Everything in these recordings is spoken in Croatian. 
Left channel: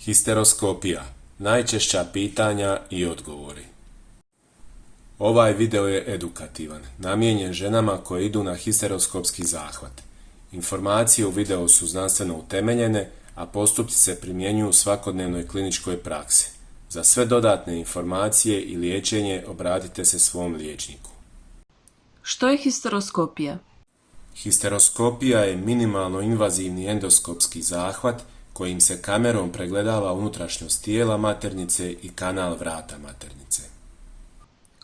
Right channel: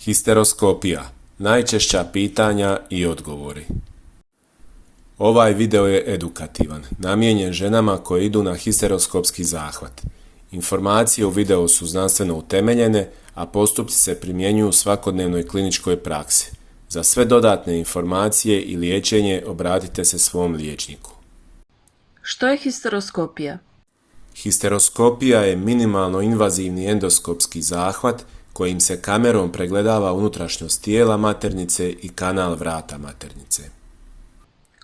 Histeroskopija. Najčešća pitanja i odgovori. Ovaj video je edukativan, namijenjen ženama koje idu na histeroskopski zahvat. Informacije u videu su znanstveno utemeljene, a postupci se primjenjuju u svakodnevnoj kliničkoj praksi. Za sve dodatne informacije i liječenje obratite se svom liječniku. Što je histeroskopija? Histeroskopija je minimalno invazivni endoskopski zahvat kojim se kamerom pregledava unutrašnjost tijela maternice i kanal vrata maternice.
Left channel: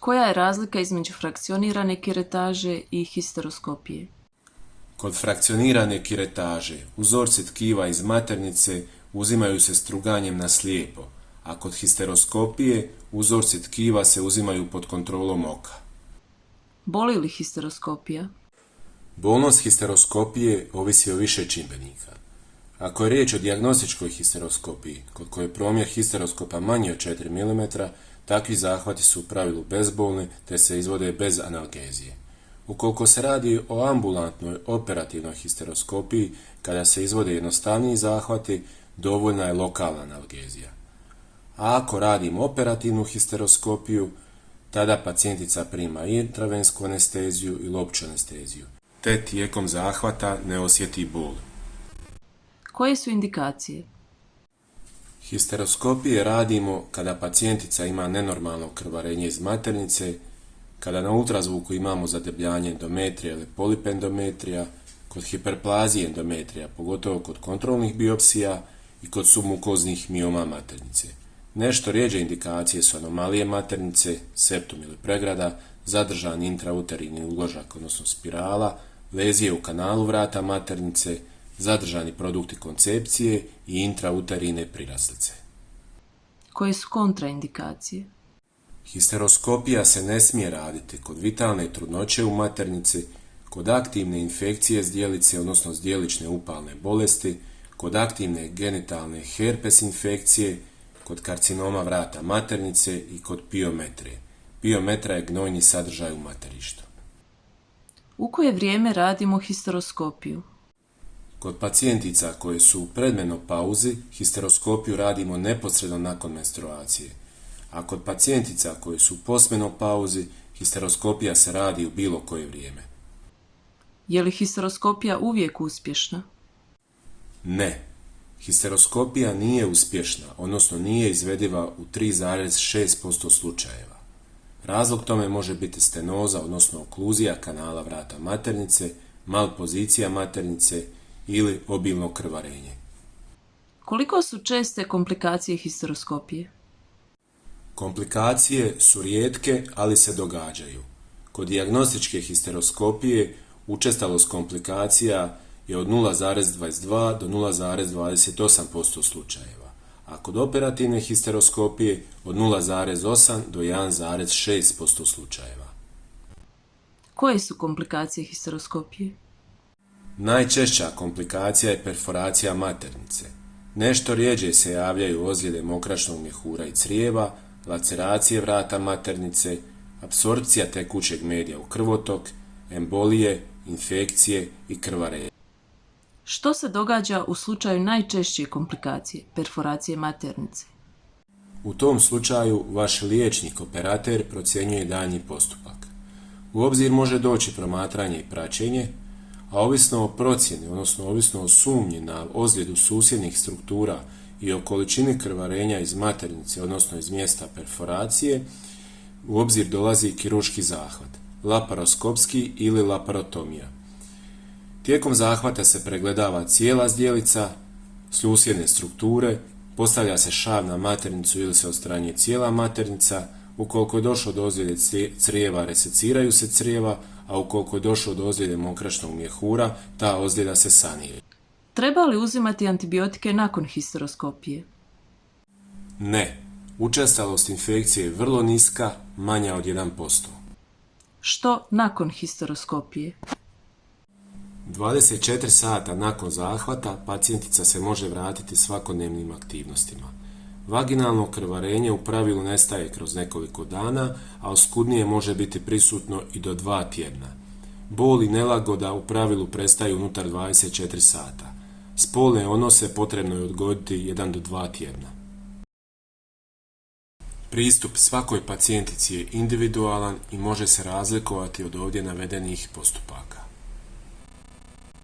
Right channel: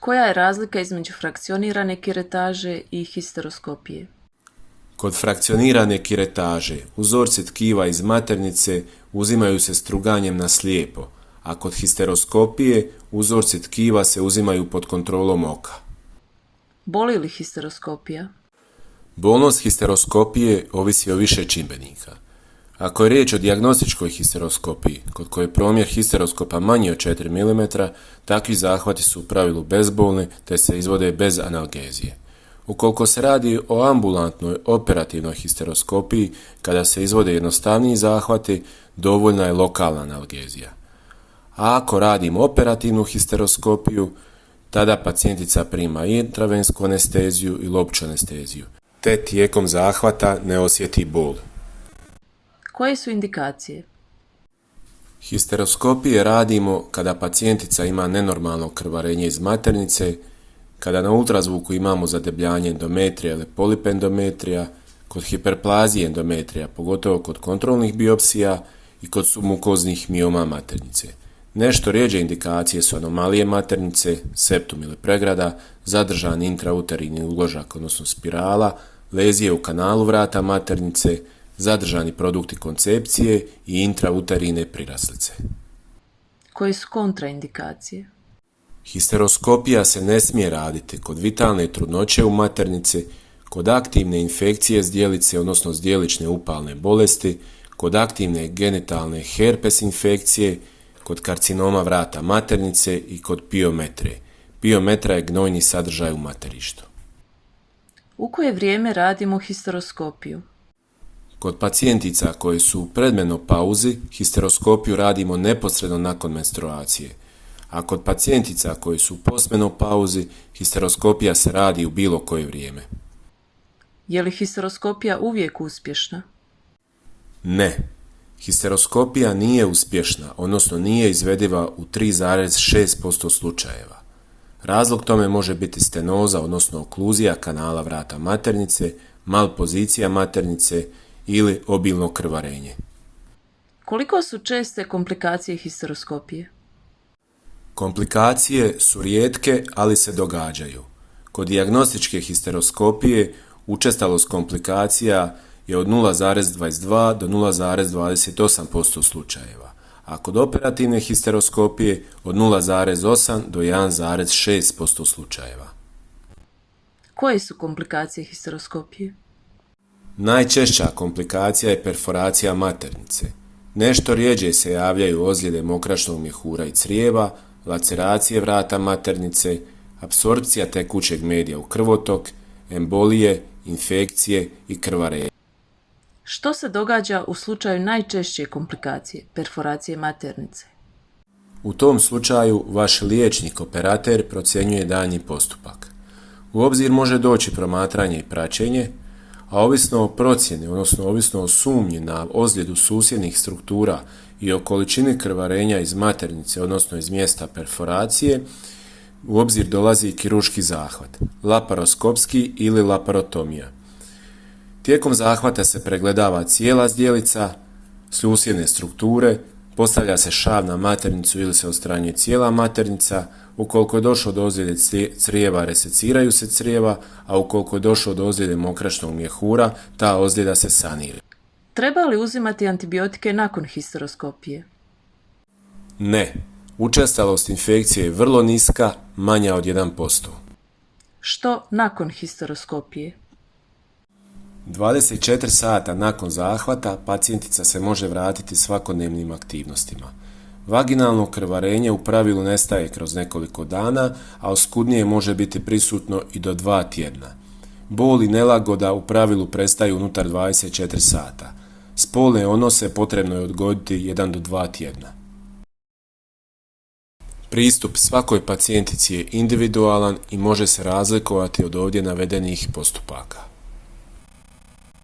Koja je razlika između frakcionirane kiretaže i histeroskopije? Kod frakcionirane kiretaže uzorci tkiva iz maternice uzimaju se struganjem na slijepo, a kod histeroskopije uzorci tkiva se uzimaju pod kontrolom oka. Boli li histeroskopija? Bolnost histeroskopije ovisi o više čimbenika. Ako je riječ o dijagnostičkoj histeroskopiji, kod koje je promjer histeroskopa manji od 4 mm, takvi zahvati su u pravilu bezbolni te se izvode bez analgezije. Ukoliko se radi o ambulantnoj operativnoj histeroskopiji, kada se izvode jednostavniji zahvati, dovoljna je lokalna analgezija. A ako radimo operativnu histeroskopiju, tada pacijentica prima intravensku anesteziju ili opću anesteziju, te tijekom zahvata ne osjeti bol. Koje su indikacije? Histeroskopije radimo kada pacijentica ima nenormalno krvarenje iz maternice, kada na ultrazvuku imamo zadebljanje endometrija ili polip endometrija, kod hiperplazije endometrija, pogotovo kod kontrolnih biopsija i kod submukoznih mioma maternice. Nešto rjeđe indikacije su anomalije maternice, septum ili pregrada, zadržani intrauterini uložak, odnosno spirala, lezije u kanalu vrata maternice, zadržani produkti koncepcije i intrauterine priraslice. Koje su kontraindikacije? Histeroskopija se ne smije raditi kod vitalne trudnoće u maternici, kod aktivne infekcije zdjelice, odnosno zdjelične upalne bolesti, kod aktivne genitalne herpes infekcije, kod karcinoma vrata maternice i kod piometre. Piometra je gnojni sadržaj u materištu. U koje vrijeme radimo histeroskopiju? Kod pacijentica koje su u predmenopauzi, histeroskopiju radimo neposredno nakon menstruacije, a kod pacijentica koje su u postmenopauzi, histeroskopija se radi u bilo koje vrijeme. Je li histeroskopija uvijek uspješna? Ne. Histeroskopija nije uspješna, odnosno nije izvediva u 3,6% slučajeva. Razlog tome može biti stenoza, odnosno okluzija kanala vrata maternice, malpozicija maternice ili obilno krvarenje. Koliko su česte komplikacije histeroskopije? Komplikacije su rijetke, ali se događaju. Kod dijagnostičke histeroskopije učestalost komplikacija je od 0,22 do 0,28% slučajeva, a kod operativne histeroskopije od 0,8 do 1,6% slučajeva. Koje su komplikacije histeroskopije? Najčešća komplikacija je perforacija maternice. Nešto rjeđe se javljaju ozljede mokračnog mjehura i crijeva, laceracije vrata maternice, apsorpcija tekućeg medija u krvotok, embolije, infekcije i krvarenje. Što se događa u slučaju najčešće komplikacije, perforacije maternice? U tom slučaju vaš liječnik operater procjenjuje daljnji postupak. U obzir može doći promatranje i praćenje, a ovisno o procjeni, odnosno ovisno o sumnji na ozljedu susjednih struktura i o količini krvarenja iz maternice, odnosno iz mjesta perforacije, u obzir dolazi kirurški zahvat, laparoskopski ili laparotomija. Tijekom zahvata se pregledava cijela zdjelica, susjedne strukture, postavlja se šav na maternicu ili se odstranjuje cijela maternica. Ukoliko je došlo do ozljede crijeva, reseciraju se crijeva, a ukoliko je došlo do ozljede mokračnog mjehura, ta ozljeda se sanira. Treba li uzimati antibiotike nakon histeroskopije? Ne. Učestalost infekcije je vrlo niska, manja od 1%. Što nakon histeroskopije? 24 sata nakon zahvata pacijentica se može vratiti svakodnevnim aktivnostima. Vaginalno krvarenje u pravilu nestaje kroz nekoliko dana, a oskudnije može biti prisutno i do 2 tjedna. Bol i nelagoda u pravilu prestaju unutar 24 sata. Spolne odnose potrebno je odgoditi 1 do 2 tjedna. Pristup svakoj pacijentici je individualan i može se razlikovati od ovdje navedenih postupaka.